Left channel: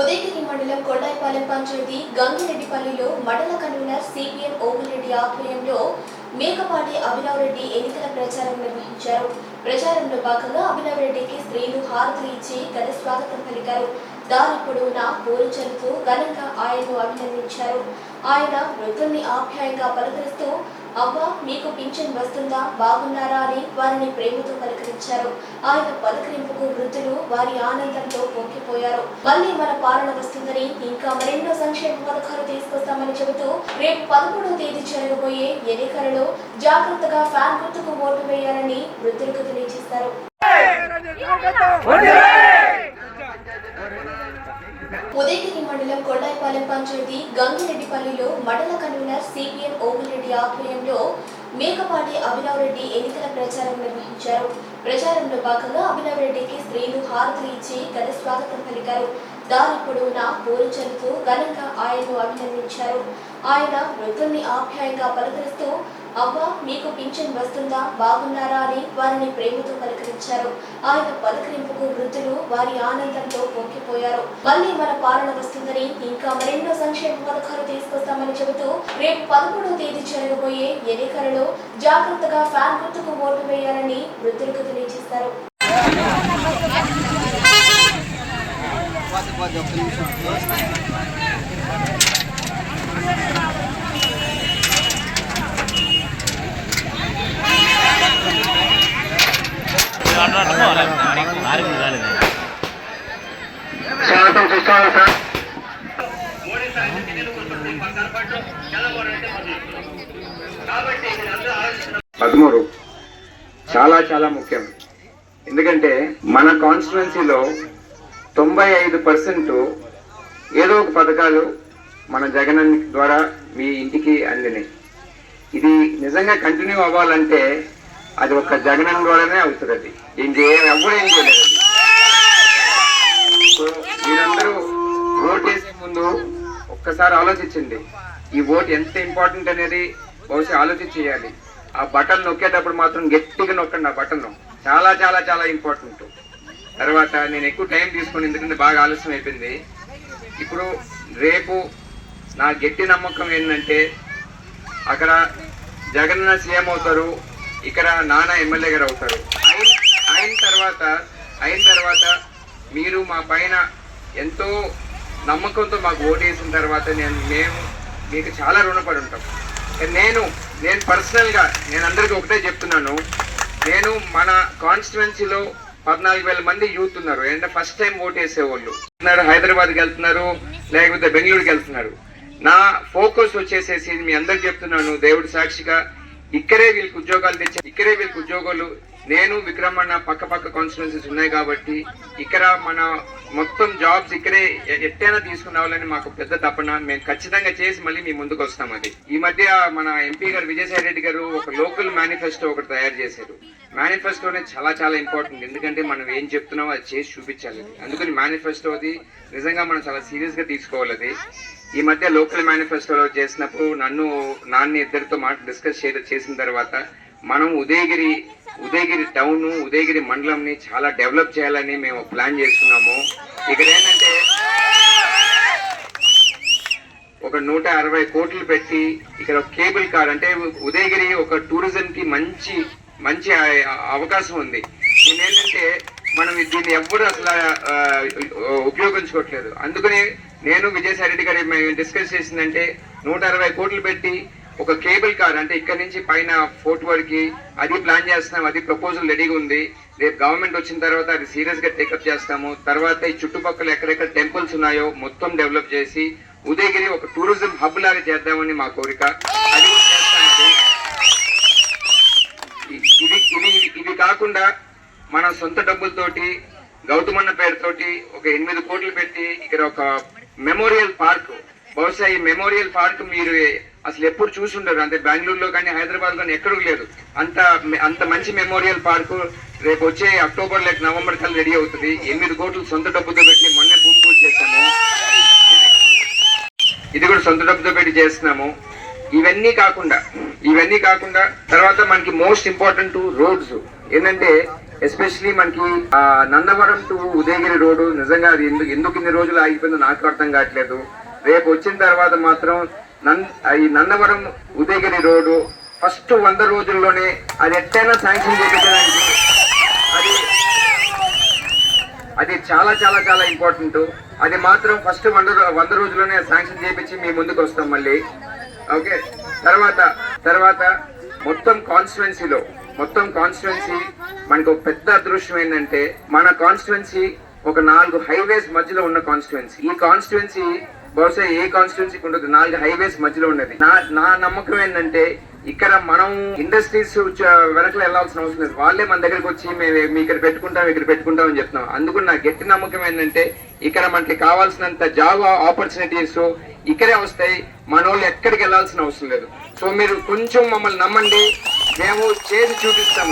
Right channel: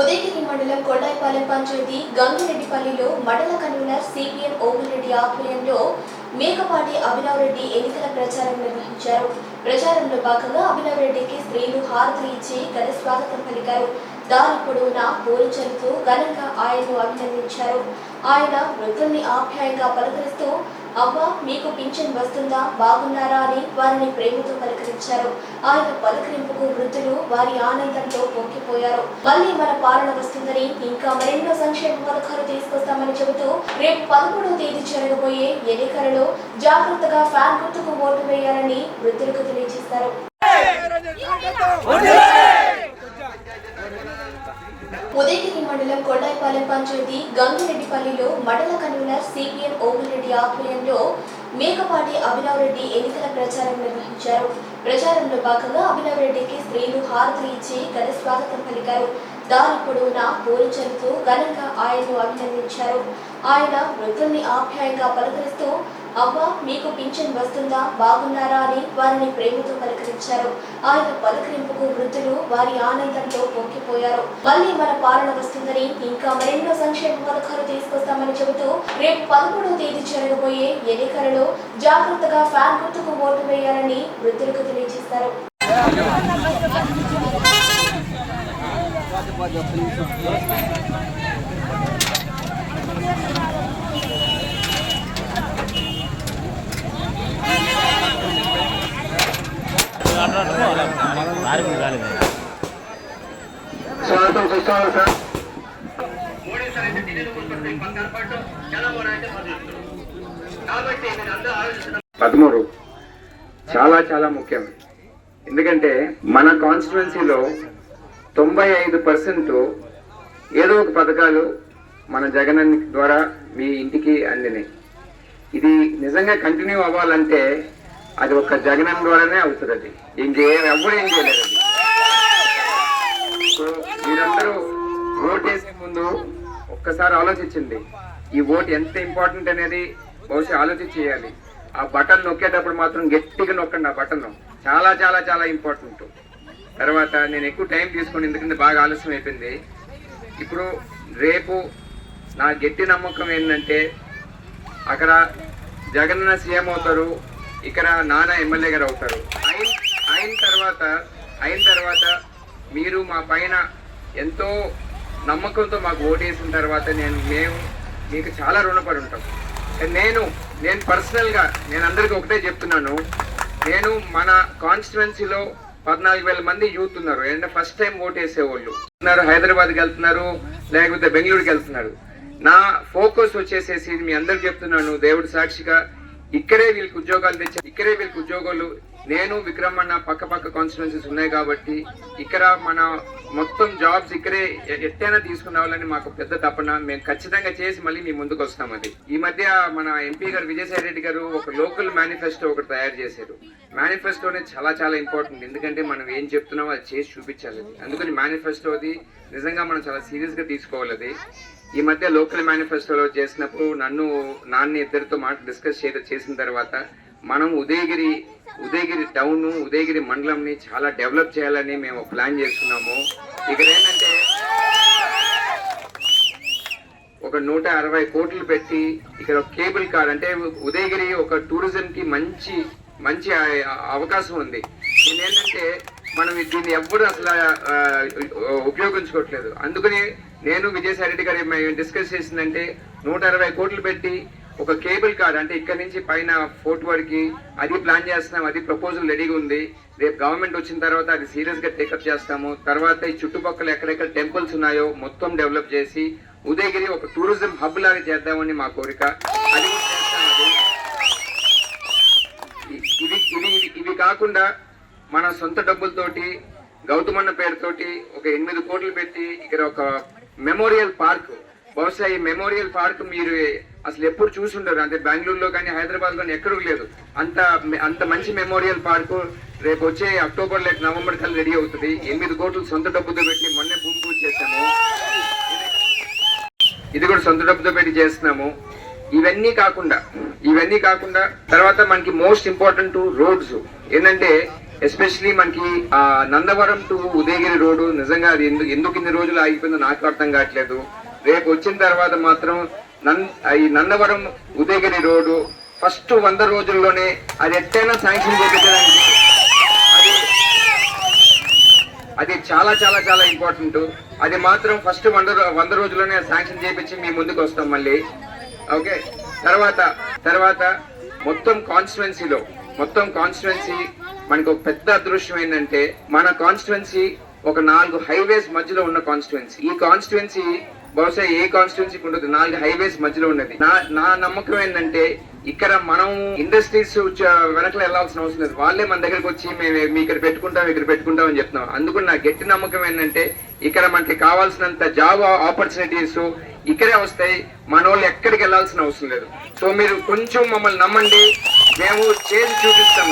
ఉదయగిరి మండలం కొండాయిపాలెం పంచాయతీ గంగిరెడ్డిపల్లిలో మండల convener CPM ఓగులరెడ్డి ఆధ్వర్యంలో మేకపాటి అభినవ్ రెడ్డి ఎన్నికల ప్రచారం నిర్వహించారు. ప్రచారంలో భాగంగా అభినవ్ రెడ్డికి స్త్రీలు హారతులు ఇచ్చి ఘన స్వాగతం పలికారు. దారి పొడవునా పూలు చల్లుతూ ఘనంగా ఆయనను అభినందించారు. ఆయన వృద్ధుల్ని ఆప్యాయంగా పలకరిస్తూ అవ్వ మీకు పింఛన్ వస్తుందా? బాగున్నారా? అని వారిని ప్రేమతో పలకరించారు. ఆయన పలకరింపుకు వృద్ధులు వారి ఆనందంతో పొంగిపోయారు. మళ్ళీ మన పాలన వస్తుందని ఇంకా మరెన్నో సంక్షేమ పథకాలు తీసుకొస్తామని చెబుతూ రేపు పదమూడవ తేదీ జరగబోయే ఎన్నికలలో జాగ్రత్తగా ఫ్యాన్ గుర్తుకు ఓటు వేయాలని వృద్ధులకు తెలియజేశారు. ఉదయగిరి మండలం కొండాయిపాలెం పంచాయతీ గంగిరెడ్డిపల్లిలో మండల కన్వీనర్ సిపిఎం ఓమిరెడ్డి ఆధ్వర్యంలో మేకపాటి అభినవ్ రెడ్డి ఎన్నికల ప్రచారం నిర్వహించారు. ప్రచారంలో భాగంగా అభినవ్ రెడ్డికి స్త్రీలు హారతులు ఇచ్చి ఘన స్వాగతం పలికారు. దారి పొడవునా పూలు ఘనంగా ఆయనను అభినందించారు. ఆయన వృద్ధుల్ని ఆప్యాయంగా పలకరిస్తూ అబ్బా మీకు పింఛన్ వస్తుందా? బాగున్నారా? అని వారిని ప్రేమతో పలకరించారు. ఆయన పలకరింపుకు వృద్ధులు వారి ఆనందంతో పొంగిపోయారు. మళ్ళీ మన పాలన వస్తుందని ఇంకా మరెన్నో సంక్షేమ పథకాలు తీసుకొస్తామని చెబుతూ రేపు పదమూడవ తేదీ జరగబోయే ఎన్నికలలో జాగ్రత్తగా ఫ్యాన్ గుర్తుకు ఓటు వేయాలని వృద్ధులకు తెలియజేశారు. పదమూడు. చాలా చాలా ముఖ్యం. ఎందుకంటే మన కాన్స్టిట్యున్సీలో తొంభై ఐదు పర్సెంట్ ఏదో ఒక పథకాలు మన జగన్ ద్వారా మీ ఇంటికి అందినాయి. ఇది నిజంగా కంటిన్యూ అవ్వాలంటే అది ఒక జగనం ద్వారానే అవుతుంది అది. ఏం చేయ ఎవరు ఏం చేయలేదు అది. సో మీరందరూ ఓట్ వేసే ముందు ఒక్కసారి ఆలోచించండి. ఈ ఓట్ ఎంత ఇంపార్టెంట్ అనేది బహుశా ఆలోచించి చేయాలి. ఆ బటన్ నొక్కేటప్పుడు మాత్రం గట్టిగా నొక్కండి ఆ బటన్ చాలా చాలా చాలా ఇంపార్టెంట్ తర్వాత నేను ఎక్కువ టైం తీసుకుని ఎందుకంటే బాగా ఆలస్యం అయిపోయింది. ఇప్పుడు రేపు నా గట్టి నమ్మకం ఏంటంటే అక్కడ జగన్న సీఎం అవుతారు ఇక్కడ నాన్న ఎమ్మెల్యే గారు అవుతారు. అయిన అయిన తర్వాత అయిన తర్వాత మీరు మా పైన ఎంతో నమ్మకంతో మాకు ఓటేసిన తర్వాత నేను మేము మీకు చాలా రుణపడి ఉంటాం. నేను నేను పర్సనల్గా నేను అందరికీ ఒకటే చెప్తున్నాను. నేను మన కాన్స్టిట్యువెన్సీలో పద్నాలుగు వేల మంది యూత్ ఉన్నారు. అంటే ఫస్ట్ టైం ఓటేసే వాళ్ళు ఉన్నారు హైదరాబాద్కి వెళ్తున్నారు లేకపోతే బెంగళూరుకి వెళ్తున్నారు. నా ఫోకస్ వచ్చేసేసి మీ అందరికి చెప్తున్నాను దేవుడి సాక్షిగా ఇక్కడే వీళ్ళకి ఉద్యోగాలు తెచ్చారు ఇక్కడే వీళ్ళకి ఉద్యోగాలు నేను విక్రమన్న పక్క పక్క కాన్స్టిట్యున్సీస్ ఉన్నాయి కాబట్టి ఇక్కడ మన మొత్తం జాబ్స్ ఇక్కడే ఎట్టైనా తీసుకుని మాకు పెద్ద తపన. మేము ఖచ్చితంగా చేసి మళ్ళీ మీ ముందుకు వస్తాం అది. ఈ మధ్య మన ఎంపీ గారు విజయసాయి రెడ్డి గారు ఒక లోకల్ మేనిఫెస్టో ఒకటి తయారు చేశారు. మేనిఫెస్టోనే చాలా చాలా ఇంపార్టెంట్ ఎందుకంటే మనం ఏం చెప్తున్నామో అది చేసి చూపించాలి. అందుకని మేనిఫెస్టో అది నిజంగా మనం చాలా సీరియస్గా తీసుకోవాలి అది. ఈ మధ్య లోకల్ మేనిఫెస్టోలో చేసినప్పుడు నన్ను నాన్న ఇద్దరితో మాట డిస్కస్ చేసిన తర్వాత మనం ఉదయగిరి ఉదయగిరి టౌన్ ఉదయగిరి మండలంని చాలా డెవలప్ చేయాలని మేము ప్లాన్ చేస్తున్నాము. ఇక్కడ ఏంటంటే ఒక నూట అరవై కోట్లు పెట్టి ఇక్కడ ఒక కేబుల్ కార్ అంటే ఉదయగిరి ఒక టూరిజం కి మంచి మంచి అవకాశం ఉంది. దీని ఏంటంటే మనం దీన్ని ఎవ్వరు అసలు ఉపయోగించుకోవట్లేదు. అందుకని నేను విజయసాయి రెడ్డి గారి మేము డిస్కస్ చేసిందంటే నూట అరవై కోట్లు పెట్టి ఒక కేబుల్ కార్ అంటే ఇక్కడ నుంచి పైన ఫోర్ట్ వరకు అది ప్లాన్ చేస్తున్నాం అది ప్రపోజల్ రెడీగా ఉంది. రేపు గవర్నమెంట్ వచ్చిన తర్వాత అది సీరియస్గా టేకప్ చేస్తాము. తర్వాత ఈ చుట్టుపక్కల ఎక్కడెక్కడ టెంపుల్స్ ఉన్నాయో మొత్తం డెవలప్ చేసి ఉదయగిరి ఒక టూరిజం హబ్ లాగా చేద్దామని మా కోరిక. అది చేస్తాం ఇది ఇది ఇది- ఇది కాకుండా మన సొంత డబ్బులతోటి గౌతమన్న పేరుతోటి ఒక ఎనిమిది కోట్లు పెట్టి ఇక్కడ ఒక మెమోరియల్ పార్క్. బహుశా ఈ మెమోరియల్ పార్క్ మీరు అసలు ఎప్పుడు చూసి ఉండరు అంటే బెంగళూరులో కానీ హైదరాబాద్ కానీ ఎక్కడూ లేదు. అంత అంత మంచి మెమోరియల్ పార్క్. రేపు వచ్చే అక్టోబర్ లేక నవంబర్ కల్లా రెడీ అవుతుంది. ఎనిమిది కోట్లు సొంత డబ్బుతో పెట్టి మొన్నే భూమి పూజ చేశాము. ఇది కూడా సొంత డబ్బుతో పెట్టి చేస్తున్నాము. ఇవన్నీ కాకుండా ఇవన్నీ కాకుండా తర్వాత మనకి మోస్ట్ ఇంపార్టెంట్ రోడ్స్. ఏంటంటే ఎస్పెషలీ మనకి ఆ, నందవరం టు ఉదయగిరి రోడ్డు. నిజంగా అది ఎందుకు ఎందుకు ఇన్ని రోజులు ఆగిపోయిందో నాకు అర్థం కావట్లేదు. రేపు వచ్చిన తర్వాత మాత్రం నన్ ఈ నందవరం ఉదయగిరి రోడ్డు ఫస్ట్ వంద రోజుల్లోనే అది ఎట్టైనా శాంక్షన్ చేయించడానికి అది అది చాలా చాలా చాలా ఇంపార్టెంట్. అది మాత్రం ఫస్ట్ వంద వంద రోజుల్లోనే శాంక్షన్ చేయించి మీ ముందుకు వస్తాం మళ్ళీ. ఓకే? తర్వాత తర్వాత మొత్తం కాన్స్టిట్యువెన్సీలో మొత్తం కాన్స్టిట్యువెన్సీ మనకు ఒక పెద్ద అదృష్టం ఏంటంటే మన కాన్స్టిట్యువెన్సీ ఒక నాలుగు హైవేస్ మధ్యలో ఉన్న కాన్స్టిట్యువెన్సీ ఈ కాన్స్టిట్యువెన్సీ బహుశా ఏ కాన్స్టిట్యున్సీకి ఉండదు. నాలుగు హైవేస్ మధ్యలో ఉన్నది నా నా నమ్మకం ఏంటంటే ఇక్కడ మనం ఇండస్ట్రీస్ వెనకలు వెళ్ళాల్సిన అవసరం లేదు. వాళ్ళే మన దగ్గరికి వచ్చి మేము మీ ఇక్కడ పెట్టుకుంటాం ఇక్కడ పెట్టుకుంటాం అని చెప్తున్నాం. అందుకు నా గట్టి నమ్మకం ఏంటంటే ఇక్కడ మనకి కావాల్సినంత జాబ్ ఆపర్చునిటీస్ ఇక్కడే వస్తాయి. మన వాళ్ళు ఎక్కడికి వెళ్ళాల్సిన అవసరం లేదు. సో మీరు కొంచెం మమ్మల్ని నమ్మండి. మేము చేసి చూపిస్తాం